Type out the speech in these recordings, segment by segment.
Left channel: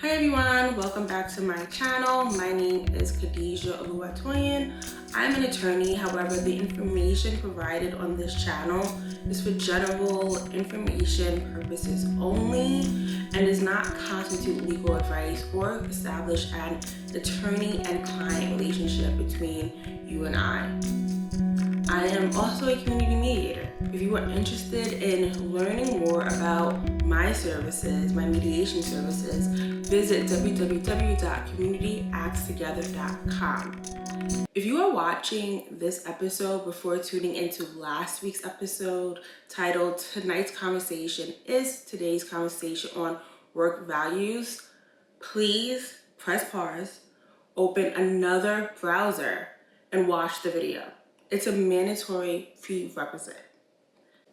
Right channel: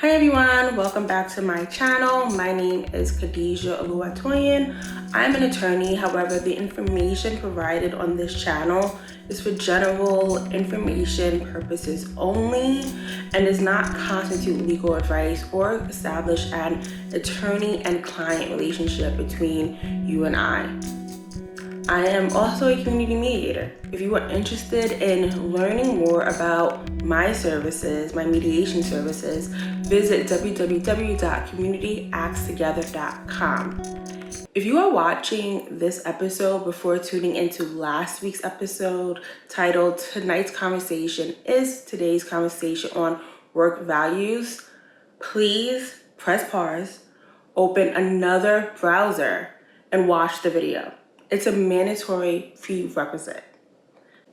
Hi everyone, welcome back to my channel. My name is Khadijat. I'm an attorney, however, the information provided on this channel is for general information purposes only and does not constitute legal advice or establish an attorney and client relationship between you and I. I am also a community mediator. If you are interested in learning more about my services, my mediation services, visit www.communityactstogether.com. If you are watching this episode before tuning into last week's episode titled Tonight's Conversation is Today's Conversation on Work Values, please press pause, open another browser, and watch the video. It's a mandatory prerequisite.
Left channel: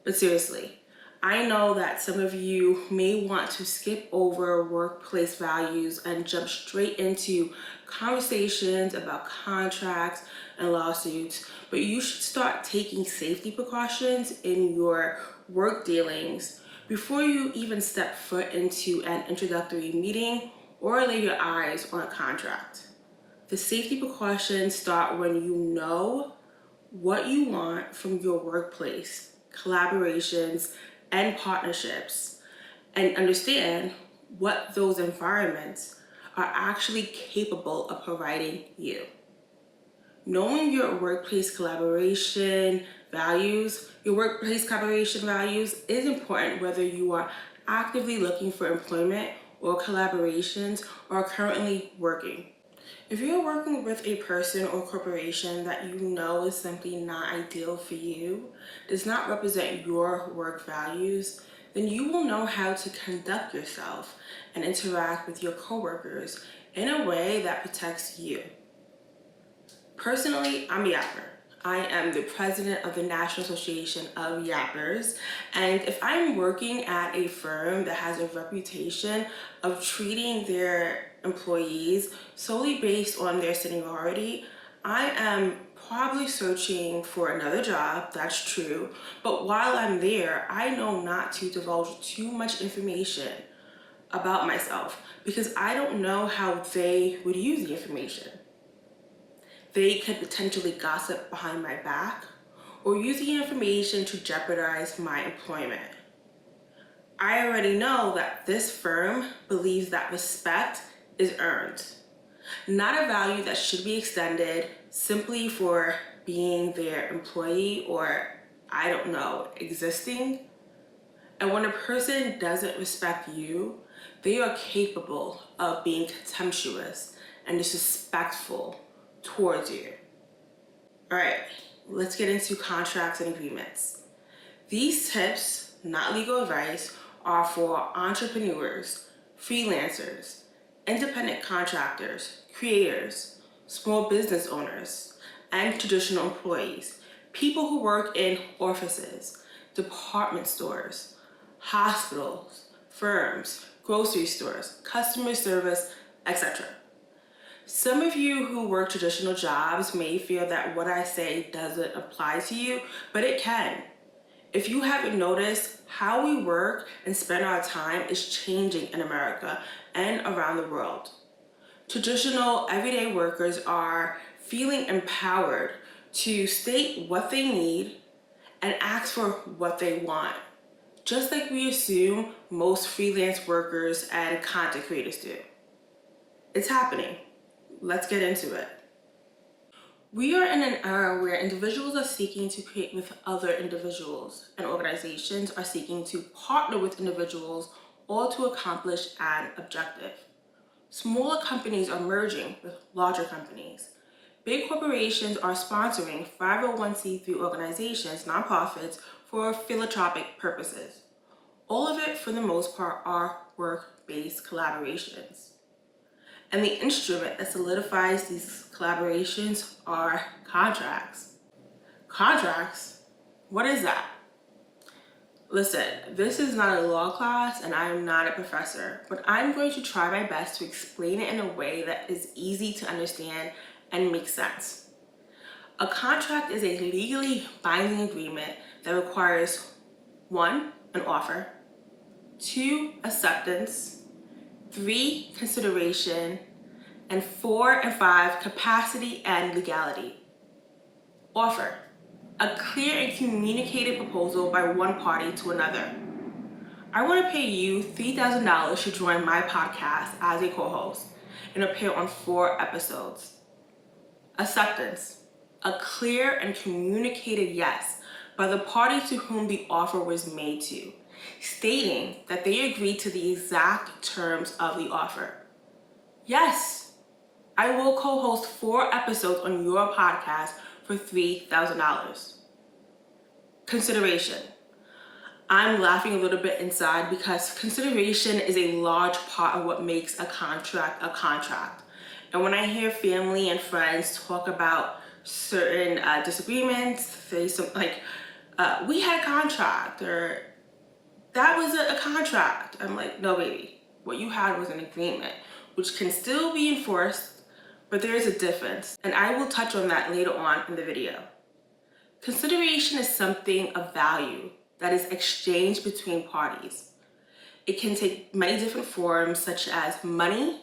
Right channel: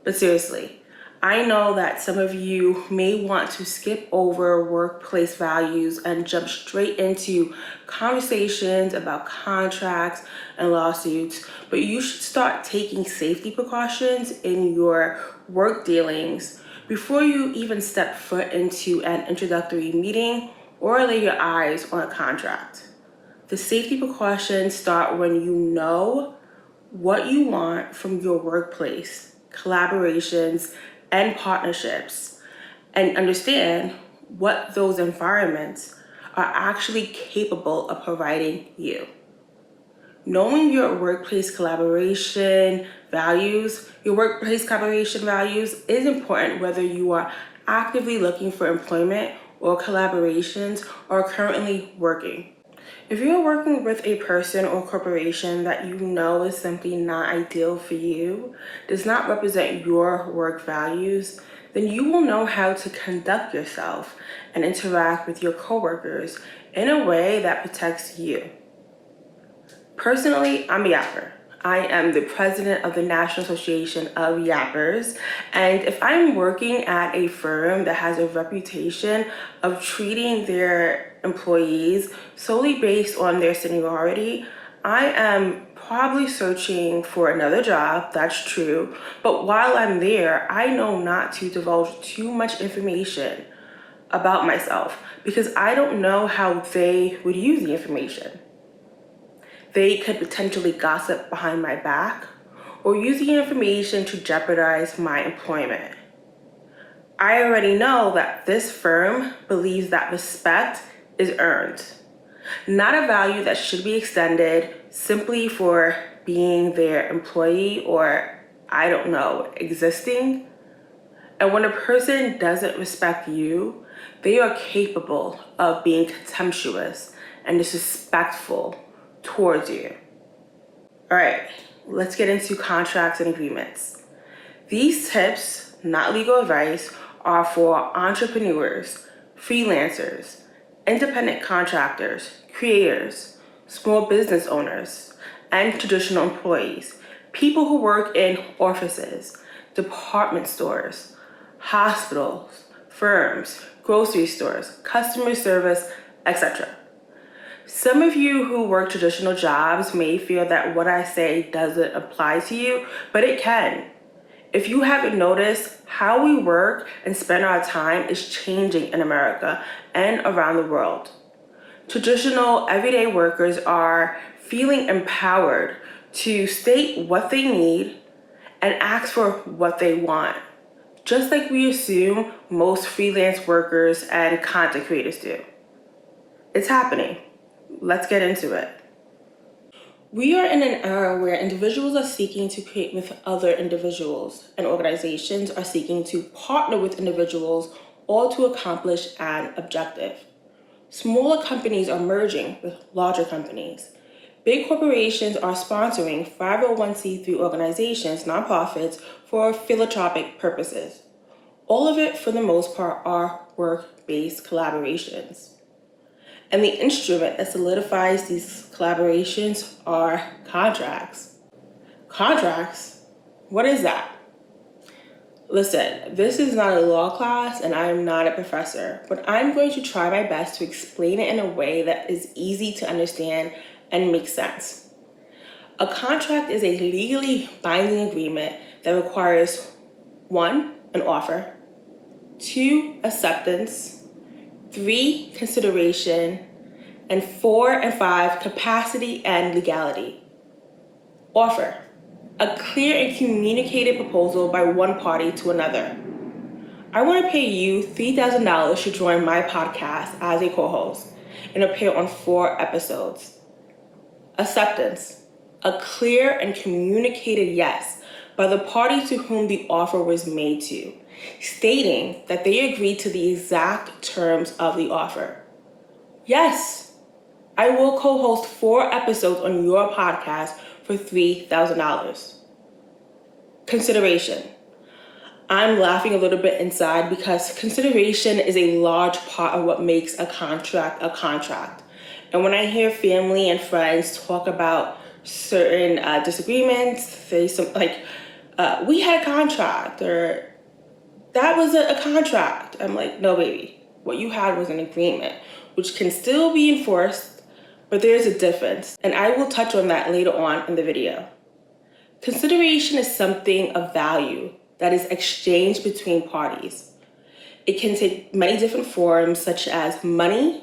But seriously, I know that some of you may want to skip over workplace values and jump straight into conversations about contracts and lawsuits, but you should start taking safety precautions in your work dealings before you even step foot into an introductory meeting or lay your eyes on a contract. The safety precautions start when you know what you want from your workplace, collaborations, and partnerships, and understand what those environments are actually capable of providing you. Knowing your workplace collaboration values is important whether you are actively looking for employment or collaborations or currently working. If you're working with a person or corporation that you know is simply not ideal for you, does not represent your work values, then you will know how to conduct yourself and interact with your coworkers in a way that protects you. Personally, I'm a yapper. I am the president of the National Association of Yappers, and if I'm working at a firm that has a reputation of treating their employees solely based on their seniority, I am probably searching for another job, that's true, but while I'm there, I know not to divulge too much information about myself because I don't know how they would use the information. They could potentially gossip behind my back or use the information to jeopardize my employment. I already know that this firm believes that respect is earned, not a value that should be extended simply for being their employee or, I don't know, existing. And when a person doesn't respect you, they are capable of being contemptuous and disrespectful towards you. All right, let's get into contracts and agreements. These tips, not legal advice, are for entrepreneurs, freelancers, independent contractors, creators, small business owners, and traditional employees, people who work in offices, department stores, hospitals, firms, grocery stores, customer service, etc. Some of you who work traditional jobs may feel that what I say doesn't apply to you, but it can. If you haven't noticed, how we work and spend our time is changing in America and around the world. Traditional everyday workers are feeling empowered to state what they need and ask for what they want, just like we assume most freelance workers and content creators do. It's happening. Let's get into it. We are in an era where individuals are seeking to create with other individuals, and organizations are seeking to partner with individuals, all to accomplish an objective. Smaller companies are merging with larger companies. Big corporations are sponsoring 501c3 organizations, nonprofits, for philanthropic purposes. All of it, for the most part, are work-based collaborations. And the instrument that solidifies these collaborations are contracts. Contracts? What is that? Listen, this is not a law class and I am not a professor, but I'm going to try my best to explain it in a way that is easy to understand and makes sense. A contract is a legally binding agreement that requires 1, an offer, 2, acceptance, 3, consideration, and 4 and 5, capacity and legality. Offer: a clear and communicated proposal by one party to another. I want to pay you $3,000 to join my podcast as a co-host and appear on 4 episodes. Acceptance: a clear and communicated yes by the party to whom the offer was made to, stating that they agreed to the exact terms of the offer. Yes, I will co-host 4 episodes on your podcast for $3,000. Consideration: I'm laughing a little bit inside because consideration is a large part of what makes a contract a contract. And when I hear family and friends talk about certain disagreements, we had a contract, or that was a contract. I'm like, no, baby. What you had was an agreement, which can still be enforced, but there's a difference. And I will touch on that later on in the video. Consideration is something of value that is exchanged between parties. It can take many different forms, such as money,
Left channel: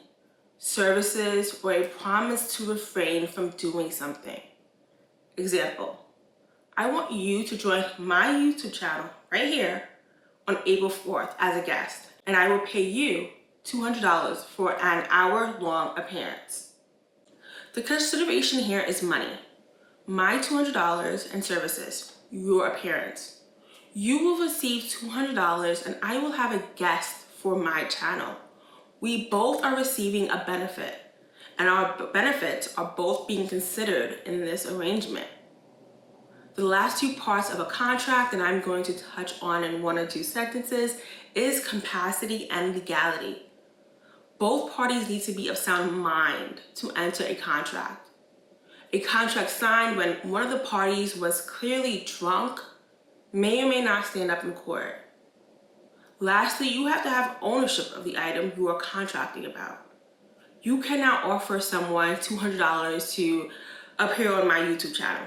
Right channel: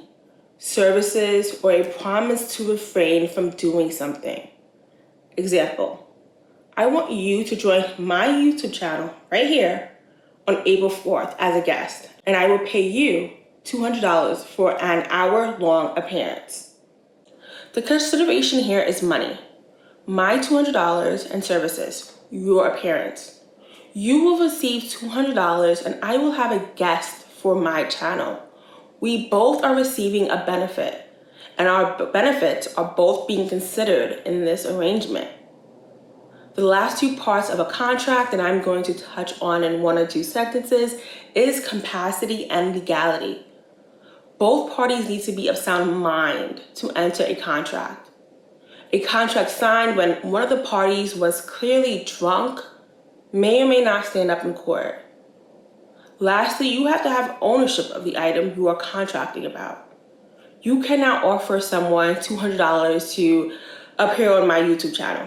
services, or a promise to refrain from doing something. Example: I want you to join my YouTube channel right here on April 4th as a guest, and I will pay you $200 for an hour-long appearance. The consideration here is money. My $200 and services, your appearance. You will receive $200 and I will have a guest for my channel. We both are receiving a benefit, and our benefits are both being considered in this arrangement. The last 2 parts of a contract that I'm going to touch on in 1 or 2 sentences is capacity and legality. Both parties need to be of sound mind to enter a contract. A contract signed when one of the parties was clearly drunk may or may not stand up in court. Lastly, you have to have ownership of the item you are contracting about. You cannot offer someone $200 to appear on my YouTube channel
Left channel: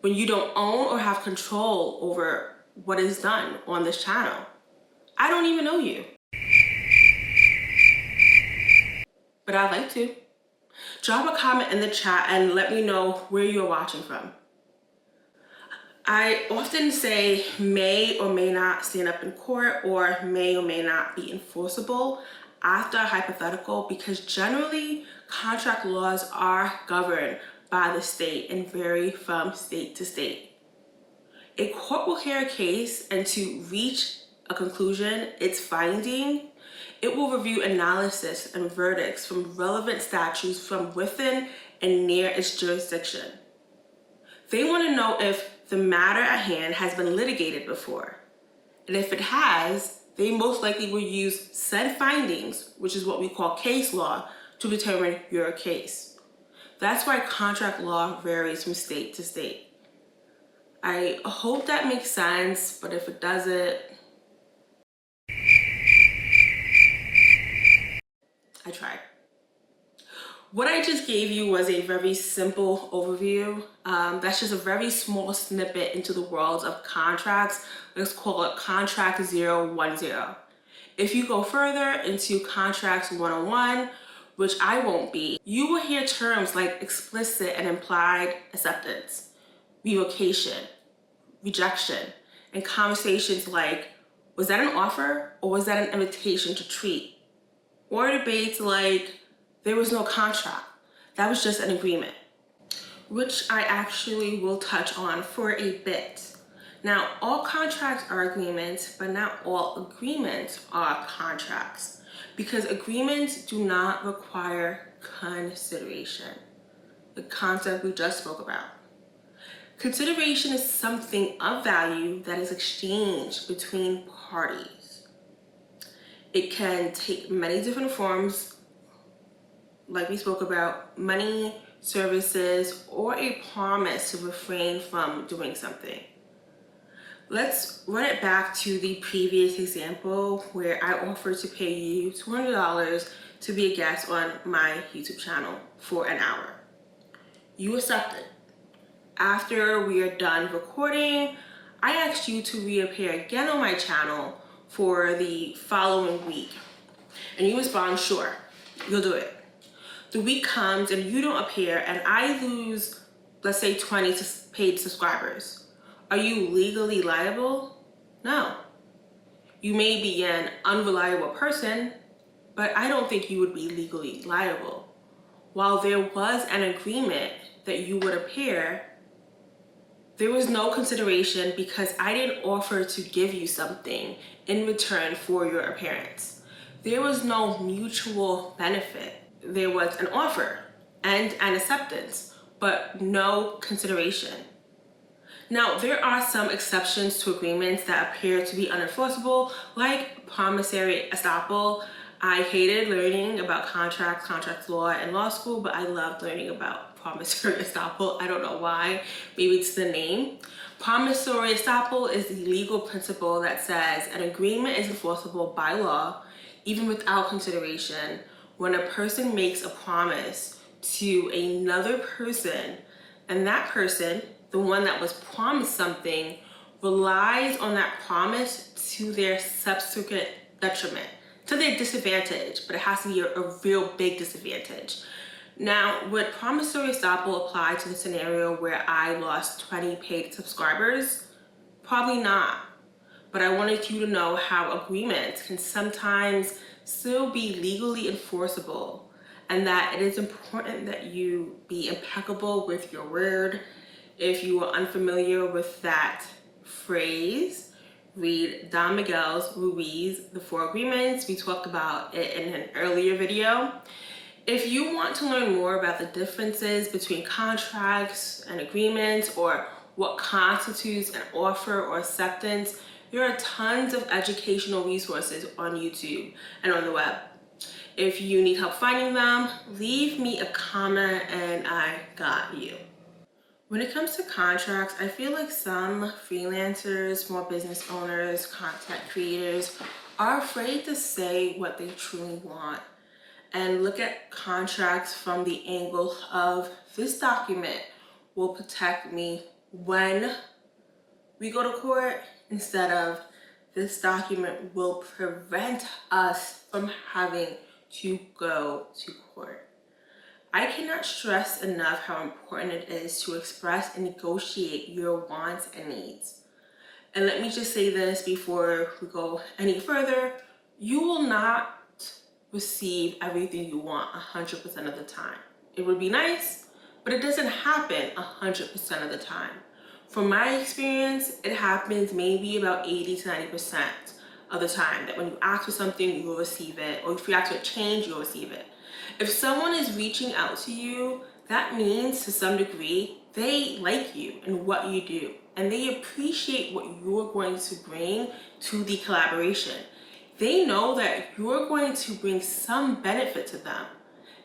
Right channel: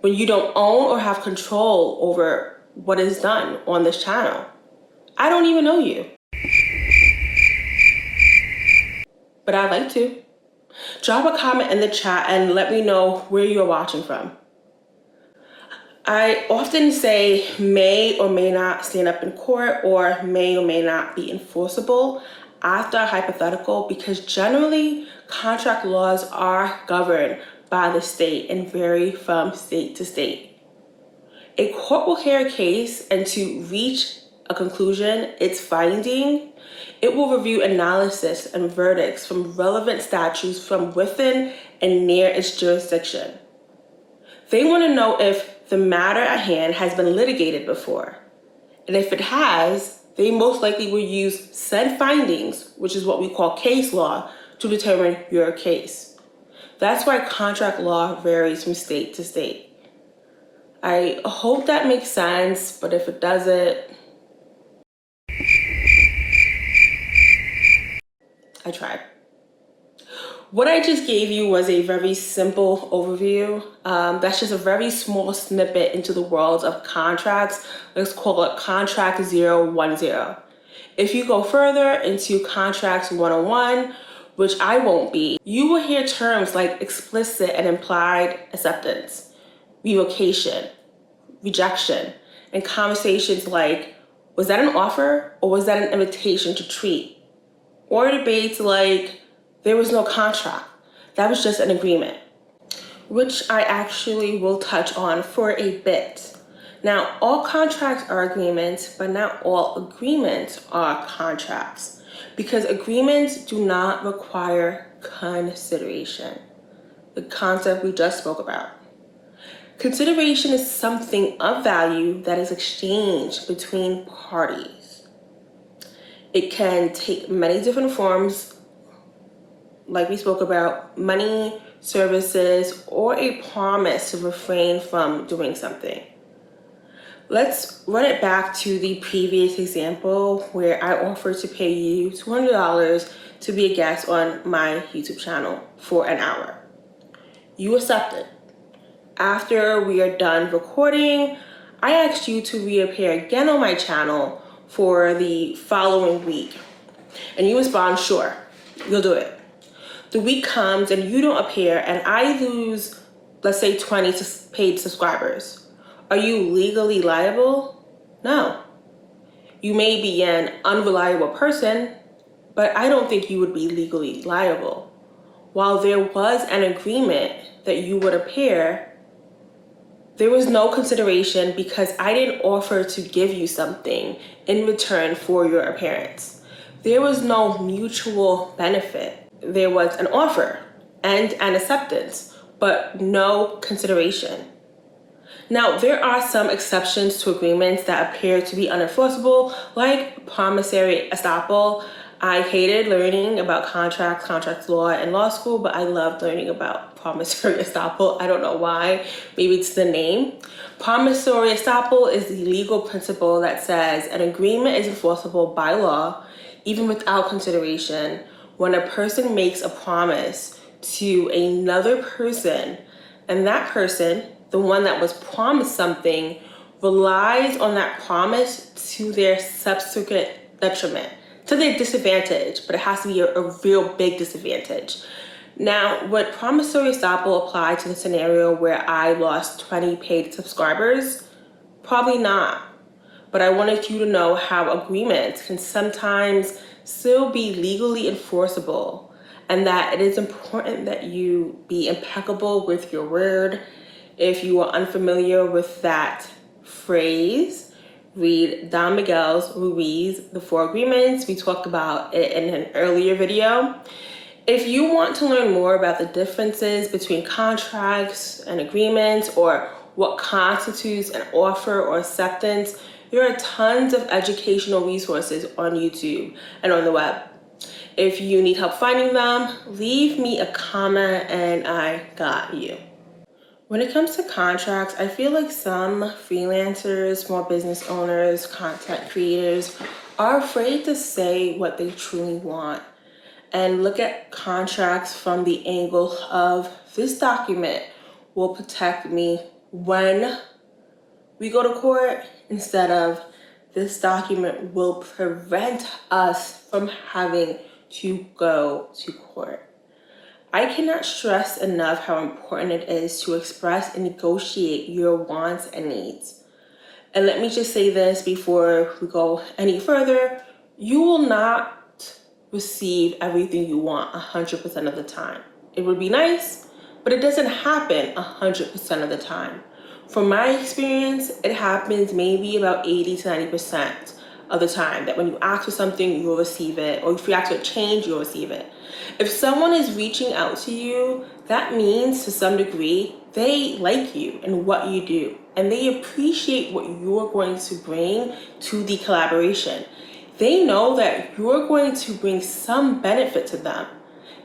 when you don't own or have control over what is done on this channel. I don't even know you, but I'd like to. Drop a comment in the chat and let me know where you're watching from. I often say may or may not stand up in court, or may or may not be enforceable after a hypothetical, because generally contract laws are governed by the state and vary from state to state. A court will hear a case, and to reach a conclusion, its finding, it will review analysis and verdicts from relevant statutes from within and near its jurisdiction. They want to know if the matter at hand has been litigated before. And if it has, they most likely will use said findings, which is what we call case law, to determine your case. That's why contract law varies from state to state. I hope that makes sense, but if it doesn't, I tried. What I just gave you was a very simple overview. That's just a very small snippet into the world of contracts. Let's call it Contract 010. If you go further into Contracts 101, which I won't be, you will hear terms like explicit and implied acceptance, revocation, rejection, and conversations like, was that an offer or was that an invitation to treat? Or debates like, there was no contract, that was just an agreement, which I actually will touch on for a bit. Now, all contracts are agreements, but not all agreements are contracts, because agreements do not require consideration, the concept we just spoke about. Consideration is something of value that is exchanged between parties. It can take many different forms, like we spoke about, money, services, or a promise to refrain from doing something. Let's run it back to the previous example where I offered to pay you $200 to be a guest on my YouTube channel for an hour. You accepted. After we are done recording, I asked you to reappear again on my channel for the following week And you respond, sure, you'll do it. The week comes and you don't appear and I lose, let's say 20 paid subscribers. Are you legally liable? No. You may be an unreliable person, but I don't think you would be legally liable. While there was an agreement that you would appear, there was no consideration because I didn't offer to give you something in return for your appearance. There was no mutual benefit. There was an offer and an acceptance, but no consideration. Now, there are some exceptions to agreements that appear to be unenforceable, like promissory estoppel. I hated learning about contract law in law school, but I loved learning about promissory estoppel. I don't know why, maybe it's the name. Promissory estoppel is the legal principle that says an agreement is enforceable by law, even without consideration, when a person makes a promise to another person, and that person, the one that was promised something, relies on that promise to their subsequent detriment, to their disadvantage, but it has to be a real big disadvantage. Now, would promissory estoppel apply to the scenario where I lost 20 paid subscribers? Probably not. But I wanted you to know how agreements can sometimes still be legally enforceable, and that it is important that you be impeccable with your word. If you are unfamiliar with that phrase, read Don Miguel Ruiz, The Four Agreements. We talked about it in an earlier video. If you want to learn more about the differences between contracts and agreements, or what constitutes an offer or acceptance, there are tons of educational resources on YouTube and on the web. If you need help finding them, leave me a comment and I got you. When it comes to contracts, I feel like some freelancers, small business owners, content creators are afraid to say what they truly want and look at contracts from the angle of this document will protect me when we go to court, instead of this document will prevent us from having to go to court. I cannot stress enough how important it is to express and negotiate your wants and needs. And let me just say this before we go any further, you will not receive everything you want 100% of the time. It would be nice, but it doesn't happen 100% of the time. From my experience, it happens maybe about 80 to 90% of the time that when you ask for something, you'll receive it, or if you ask for a change, you'll receive it. If someone is reaching out to you, that means to some degree, they like you and what you do, and they appreciate what you're going to bring to the collaboration. They know that you're going to bring some benefit to them,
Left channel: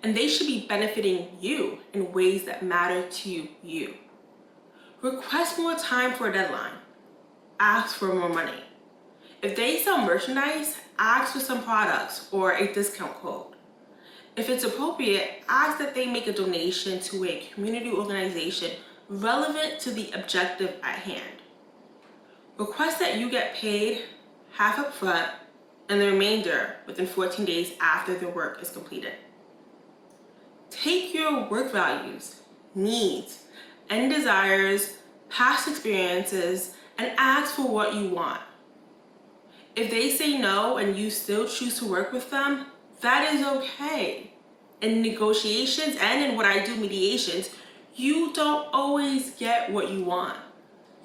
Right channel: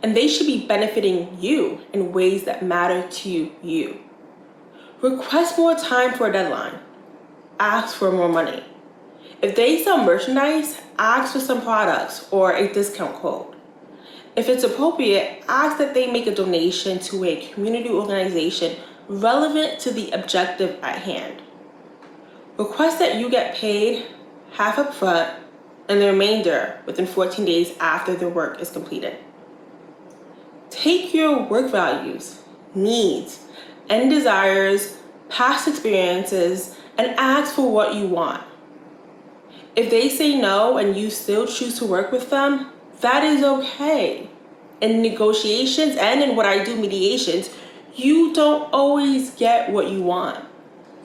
and they should be benefiting you in ways that matter to you. Request more time for a deadline. Ask for more money. If they sell merchandise, ask for some products or a discount code. If it's appropriate, ask that they make a donation to a community organization relevant to the objective at hand. Request that you get paid half up front and the remainder within 14 days after the work is completed. Take your work values, needs, and desires, past experiences, and ask for what you want. If they say no and you still choose to work with them, that is okay. In negotiations and in what I do, mediations, you don't always get what you want.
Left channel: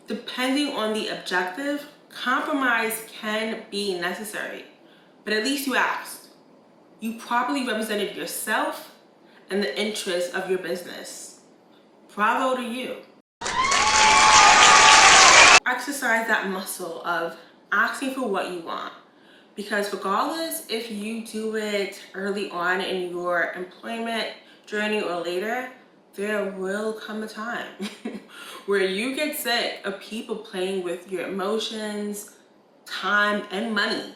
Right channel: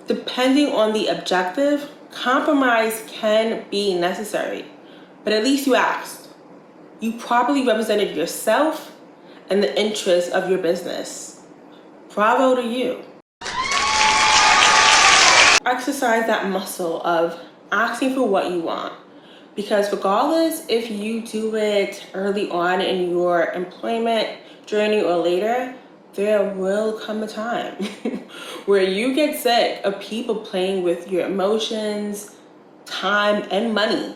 Depending on the objective, compromise can be necessary, but at least you asked. You properly represented yourself and the interests of your business. Bravo to you. Exercise that muscle of asking for what you want, because regardless if you do it early on in your employment journey or later, there will come a time where you get sick of people playing with your emotions, time, and money.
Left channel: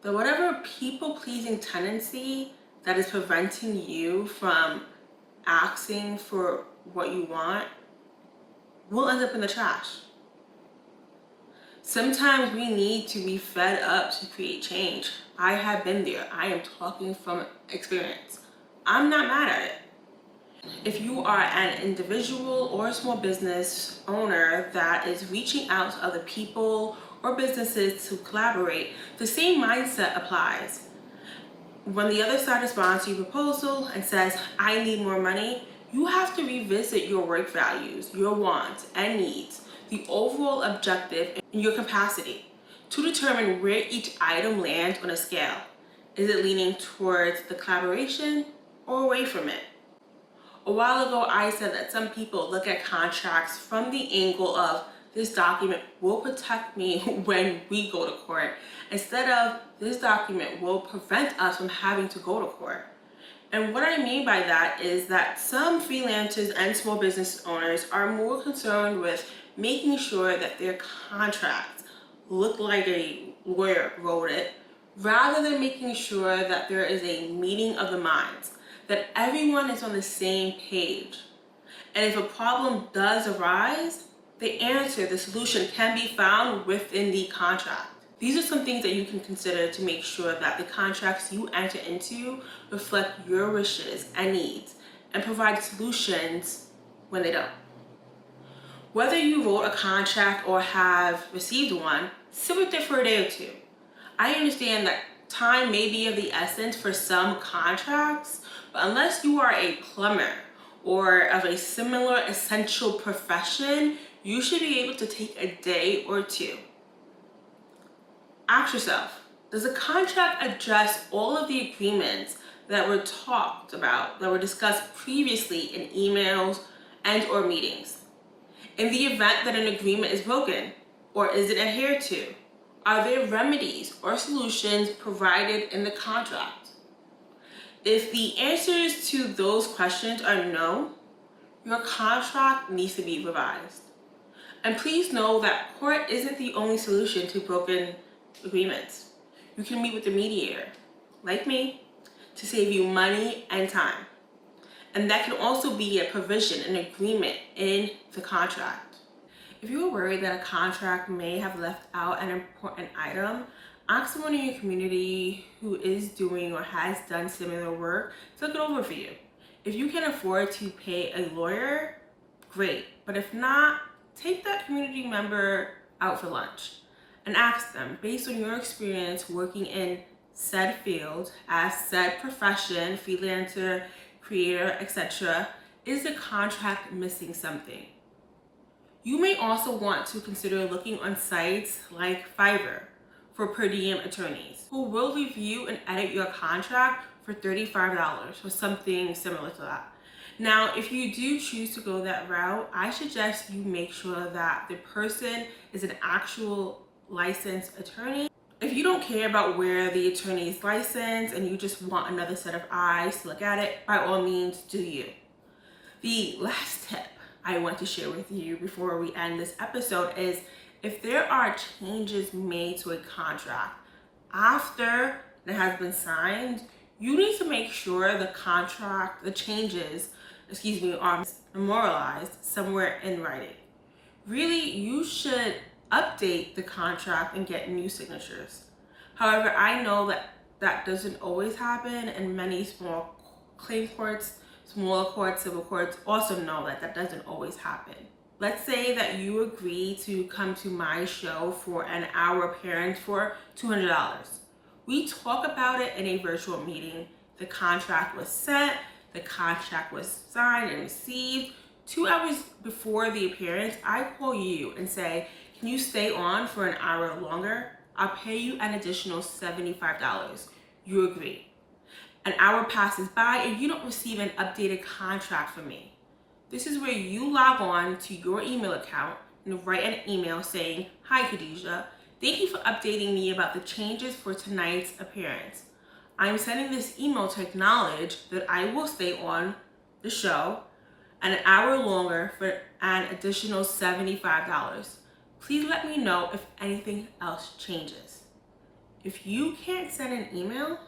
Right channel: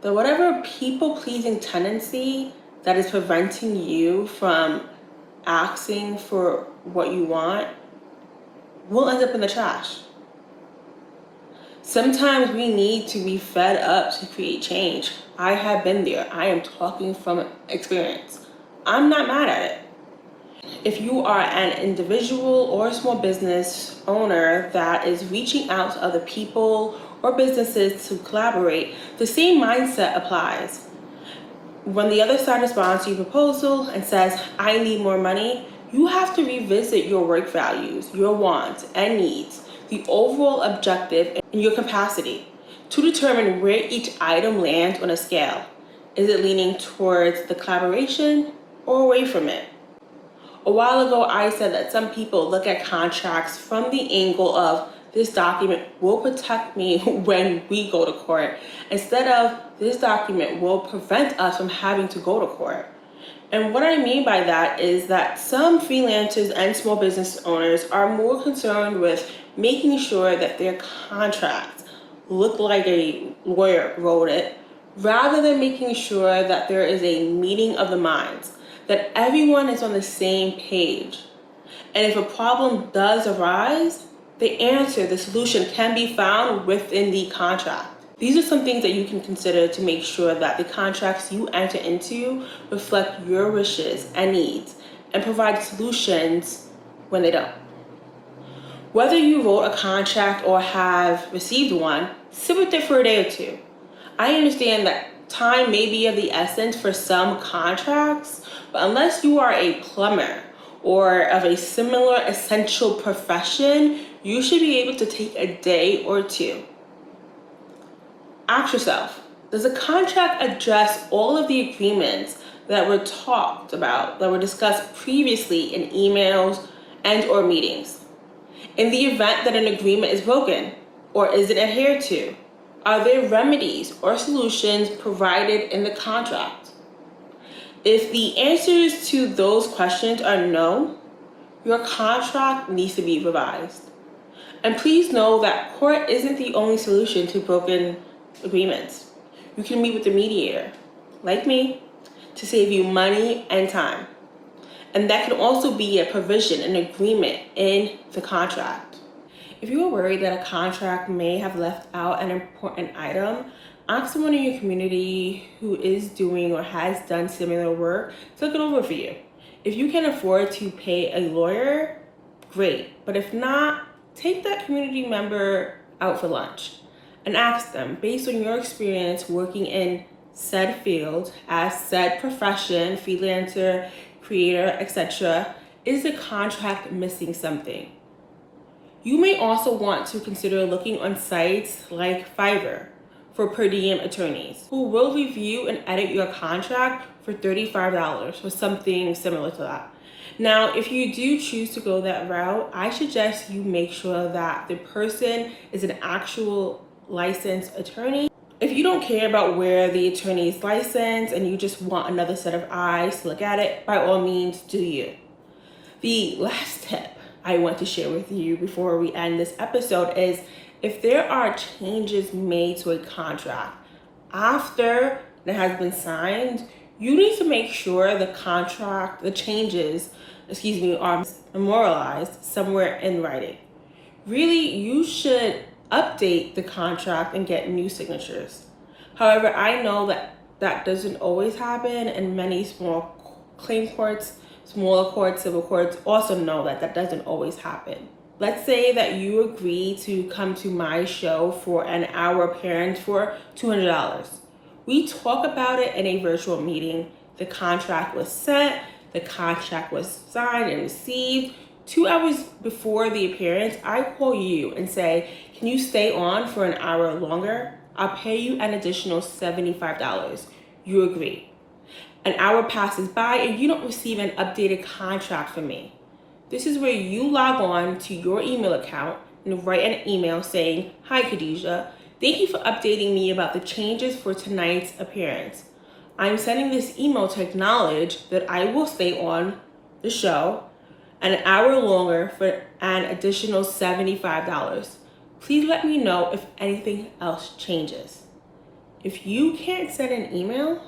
But whatever people-pleasing tendency that is preventing you from asking for what you want will end up in the trash. Sometimes we need to be fed up to create change. I have been there. I am talking from experience. I'm not mad at it. If you are an individual or small business owner that is reaching out to other people or businesses to collaborate, the same mindset applies. When the other side responds to your proposal and says, I need more money, you have to revisit your work values, your wants and needs, the overall objective, and your capacity to determine where each item lands on a scale. Is it leaning towards the collaboration or away from it? A while ago, I said that some people look at contracts from the angle of this document will protect me when we go to court, instead of this document will prevent us from having to go to court. And what I mean by that is that some freelancers and small business owners are more concerned with making sure that their contracts look like a lawyer wrote it, rather than making sure that there is a meeting of the minds, that everyone is on the same page. And if a problem does arise, the answer, the solution can be found within the contract. These are some things that you can consider to make sure that the contracts you enter into reflect your wishes and needs and provide solutions when they don't. Whether you wrote a contract or have received one, sit with it for a day or two. I understand that time may be of the essence for some contracts, but unless you are a plumber or of a similar essential profession, you should be able to take a day or two. Ask yourself, does the contract address all of the agreements that were talked about, that were discussed previously in emails and or meetings? In the event that an agreement is broken or isn't adhered to, are there remedies or solutions provided in the contract? If the answers to those questions are no, your contract needs to be revised. And please know that court isn't the only solution to broken agreements. You can meet with a mediator, like me, to save you money and time. And that can also be a provision, an agreement in the contract. If you are worried that a contract may have left out an important item, ask someone in your community who is doing or has done similar work to look it over for you. If you can afford to pay a lawyer, great. But if not, take that community member out for lunch and ask them, based on your experience working in said field, as said profession, freelancer, creator, etc., is the contract missing something? You may also want to consider looking on sites like Fiverr for per diem attorneys who will review and edit your contract for $35 or something similar to that. Now, if you do choose to go that route, I suggest you make sure that the person is an actual licensed attorney. If you don't care about where the attorney is licensed and you just want another set of eyes to look at it, by all means, do you. The last tip I want to share with you before we end this episode is, if there are changes made to a contract after it has been signed, you need to make sure the contract, the changes, are memorialized somewhere in writing. Really, you should update the contract and get new signatures. However, I know that that doesn't always happen, and many small claim courts, smaller courts, civil courts also know that that doesn't always happen. Let's say that you agree to come to my show for an hour appearance for $200. We talk about it in a virtual meeting. The contract was sent, the contract was signed and received. 2 hours before the appearance, I call you and say, can you stay on for an hour longer? I'll pay you an additional $75. You agree. An hour passes by and you don't receive an updated contract from me. This is where you log on to your email account and write an email saying, hi Khadijat, thank you for updating me about the changes for tonight's appearance. I'm sending this email to acknowledge that I will stay on the show an hour longer for an additional $75. Please let me know if anything else changes. If you can't send an email,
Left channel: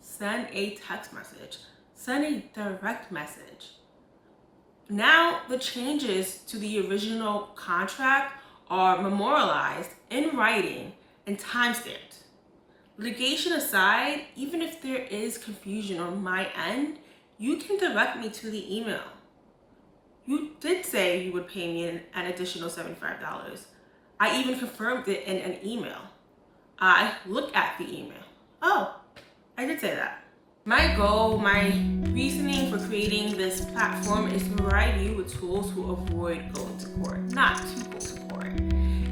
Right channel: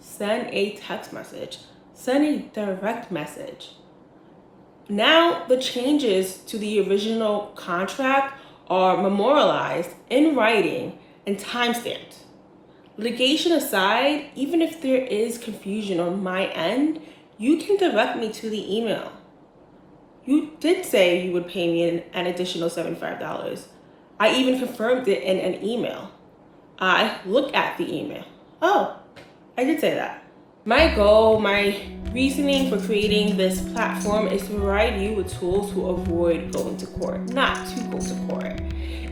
send a text message, send a direct message. Now the changes to the original contract are memorialized in writing and timestamped. Litigation aside, even if there is confusion on my end, you can direct me to the email. You did say you would pay me an additional $75. I even confirmed it in an email. I looked at the email. Oh, I did say that. My goal, my reasoning for creating this platform is to provide you with tools to avoid going to court, not to go to court.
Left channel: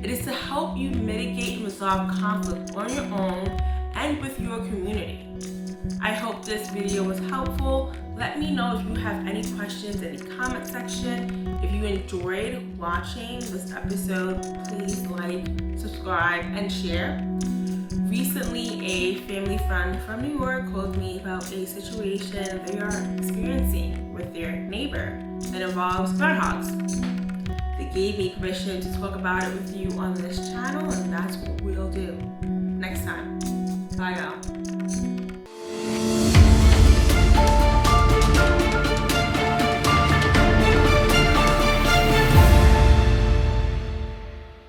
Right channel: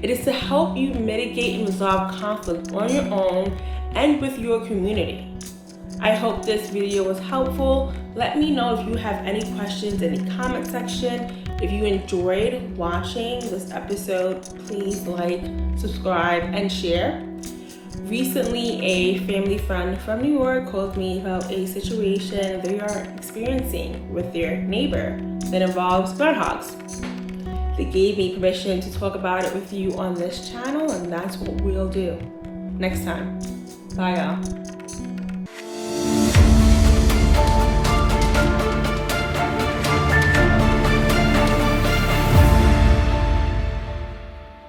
It is to help you mitigate and resolve conflict on your own and with your community. I hope this video was helpful. Let me know if you have any questions in the comment section. If you enjoyed watching this episode, please like, subscribe, and share. Recently, a family friend from New York called me about a situation they are experiencing with their neighbor that involves groundhogs. They gave me permission to talk about it with you on this channel, and that's what we'll do next time. Bye, y'all.